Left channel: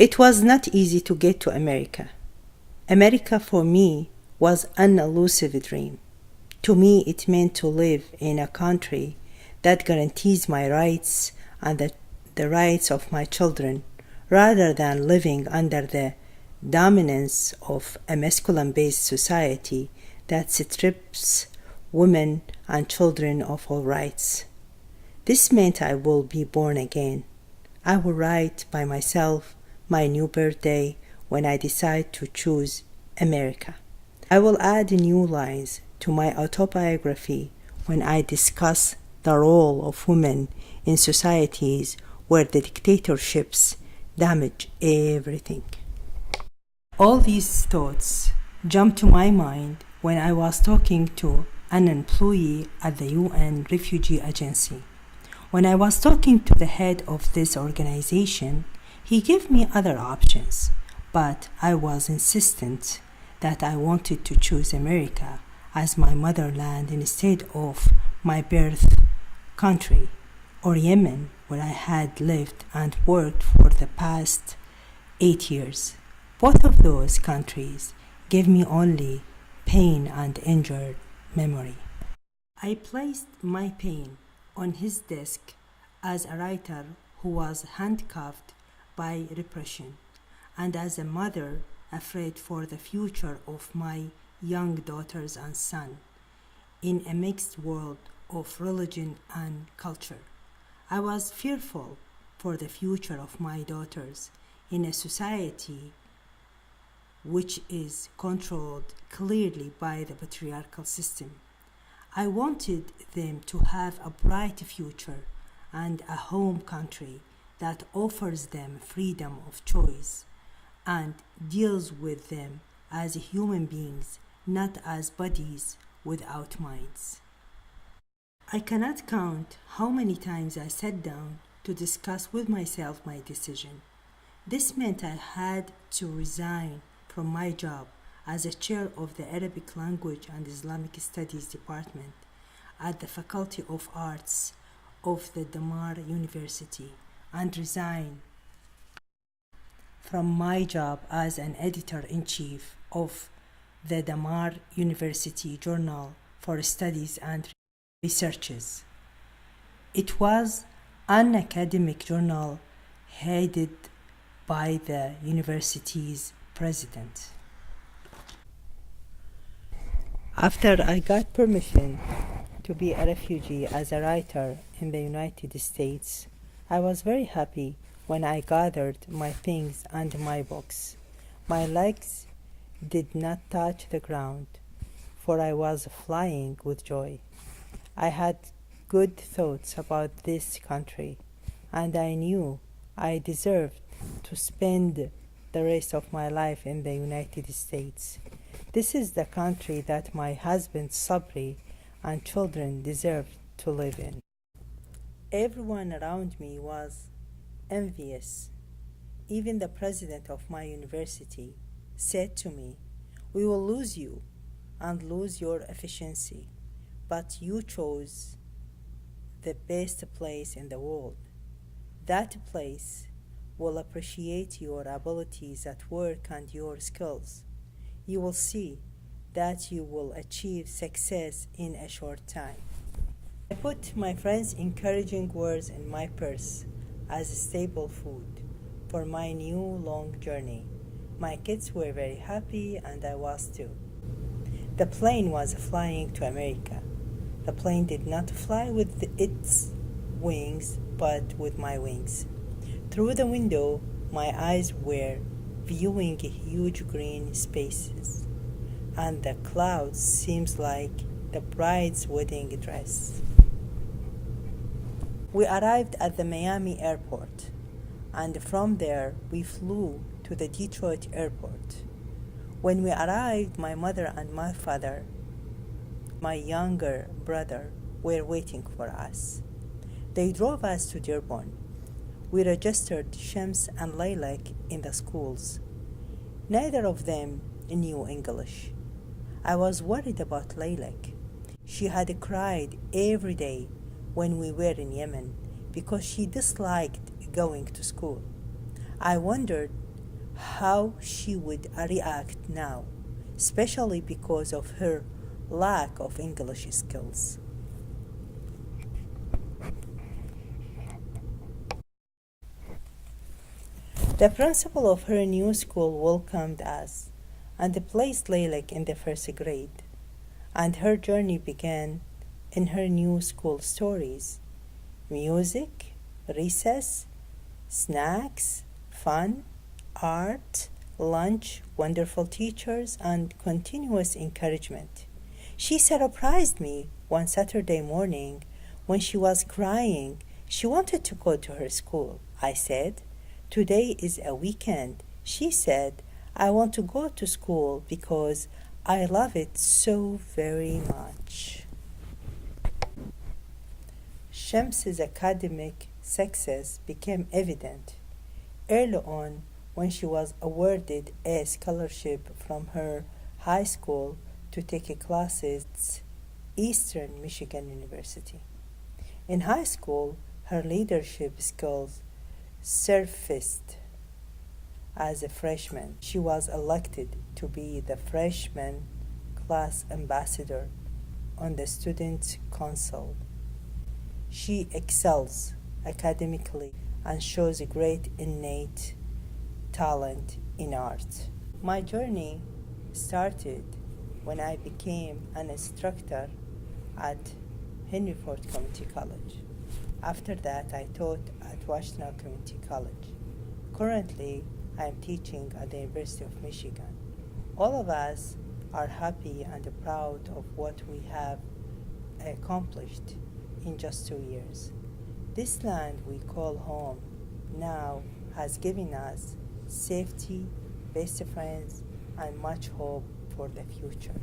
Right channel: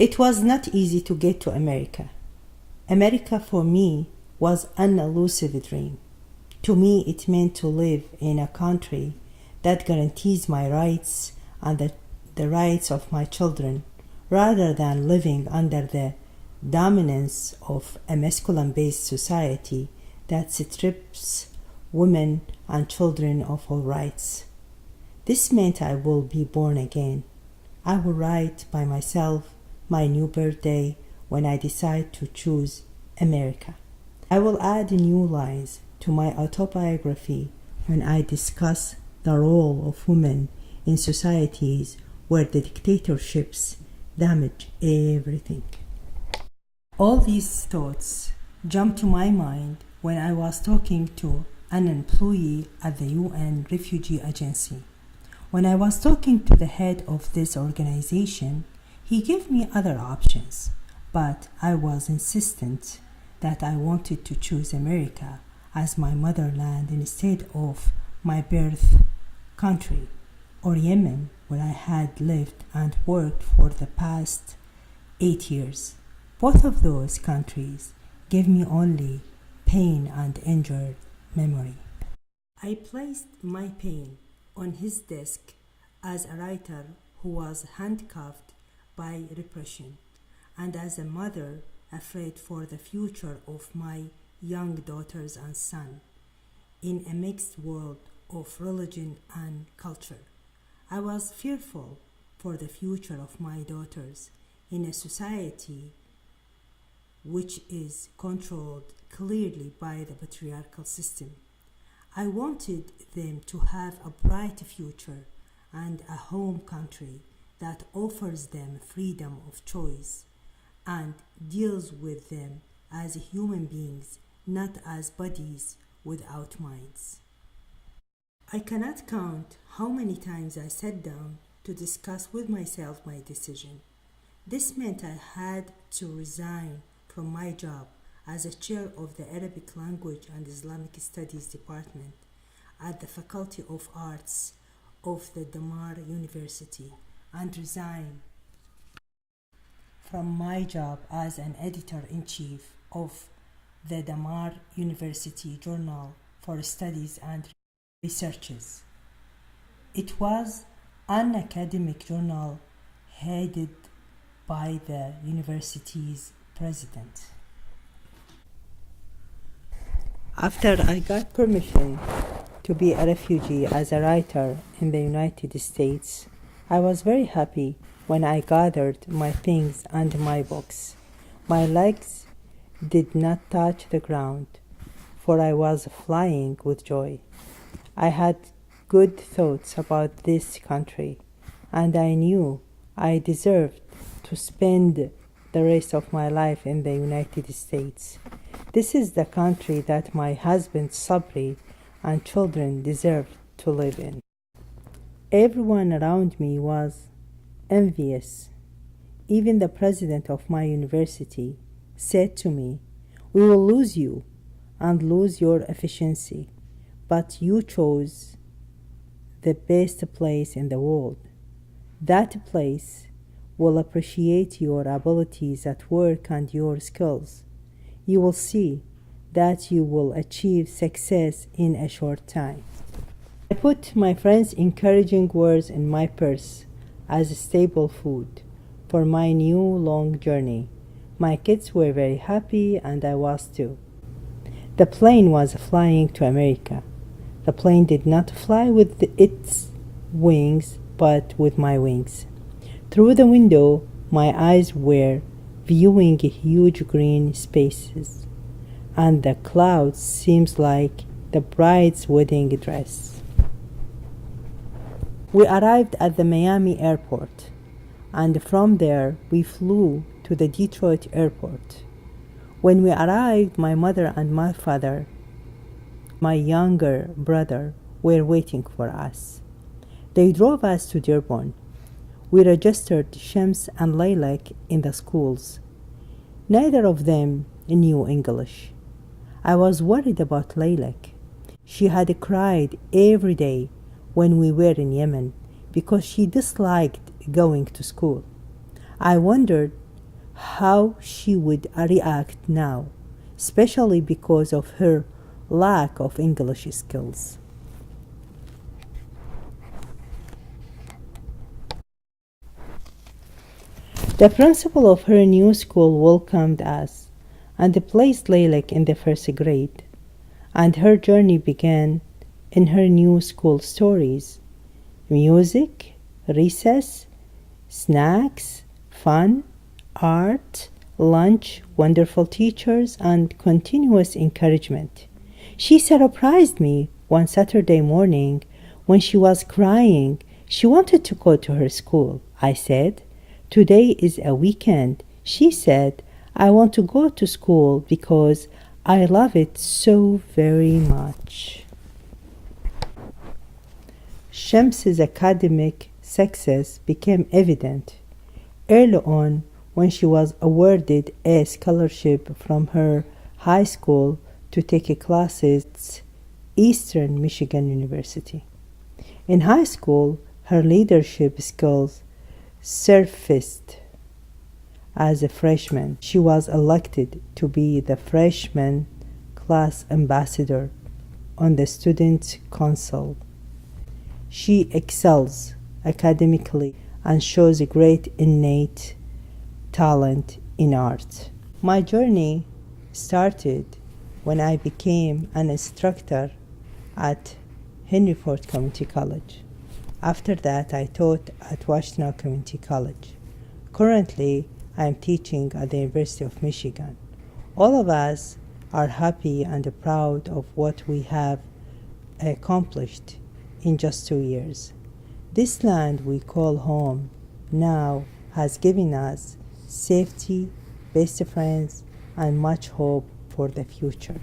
It was not easy to get to America. America for me was an elusive dream. To me, it meant to live in a country that guarantees my rights and the rights of my children, rather than living under the dominance of a masculine-based society that strips women and children of all rights. This meant I will be born again. I will write by myself my new birthday when I decide to choose America. I will add new lines to my autobiography when I discuss the role of women in societies where the dictatorships damage everything. All these thoughts jumped to my mind when I was talking to an employee at the UN Refugee Agency. When I was talking to the head of this organization, he gave me other options, but I was insistent that I wanted to choose America as my motherland instead of my birth country, or Yemen, where I had lived and worked for the past 8 years. Both of those countries gave me only pain and injured memory. I placed my pain on his desk as a writer who was handcuffed by repression, and as a mother afraid for the future of my young daughters and son in a mixed world of religion and culture. I was fearful for the future of my daughters in a society which is controlled clearly by the patriarchal system. I wanted them to have a bright future and a home country that offers them freedom of choice and deals with them as human beings, not as bodies without minds. I cannot count how many times I sat down to discuss with myself my decision. This meant I had to resign from my job as a chair of the Arabic Language and Islamic Studies Department at the Faculty of Arts of the Damar University and resign from my job as an editor-in-chief of the Damar University Journal for Studies and Researches. It was an academic journal headed by the university's president. After I got permission to be a refugee as a writer in the United States, I was very happy when I gathered my things and my books. My legs did not touch the ground, for I was flying with joy. I had good thoughts about this country, and I knew I deserved to spend the rest of my life in the United States. This is the country that my husband Sabri and children deserved to live in. Everyone around me was envious. Even the president of my university said to me, "We will lose you and lose your efficiency, but you chose the best place in the world. That place will appreciate your abilities at work and your skills. You will see that you will achieve success in a short time." I put my friends' encouraging words in my purse as stable food for my new long journey. My kids were very happy, and I was too. The plane was flying to America. The plane did not fly with its wings, but with my wings. Through the window, my eyes were viewing huge green spaces, and the clouds seemed like the bride's wedding dress. We arrived at the Miami airport, and from there we flew to the Detroit airport. When we arrived, my mother and my father, my younger brother, were waiting for us. They drove us to Dearborn. We registered Shams and Lilac in the schools. Neither of them knew English. I was worried about Lilac. She had cried every day when we were in Yemen because she disliked going to school. I wondered how she would react now, especially because of her lack of English skills. The principal of her new school welcomed us and placed Leilek in the first grade, and her journey began in her new school stories: music, recess, snacks, fun, art, lunch, wonderful teachers, and continuous encouragement. She surprised me one Saturday morning when she was crying. She wanted to go to her school. I said, "Today is a weekend." She said, "I want to go to school because I love it so very much." Shams's academic success became evident early on when she was awarded a scholarship from her high school to take classes at Eastern Michigan University. In high school, her leadership skills surfaced. As a freshman, she was elected to be the freshman class ambassador on the student council. She excels academically and shows a great innate talent in art. My journey started when I became an instructor at Henry Ford Community College. After that, I taught at Washtenaw Community College. Currently, I am teaching at the University of Michigan. All of us are happy and proud of what we have accomplished in just 2 years. This land we call home now has given us safety, best friends, and much hope for the future.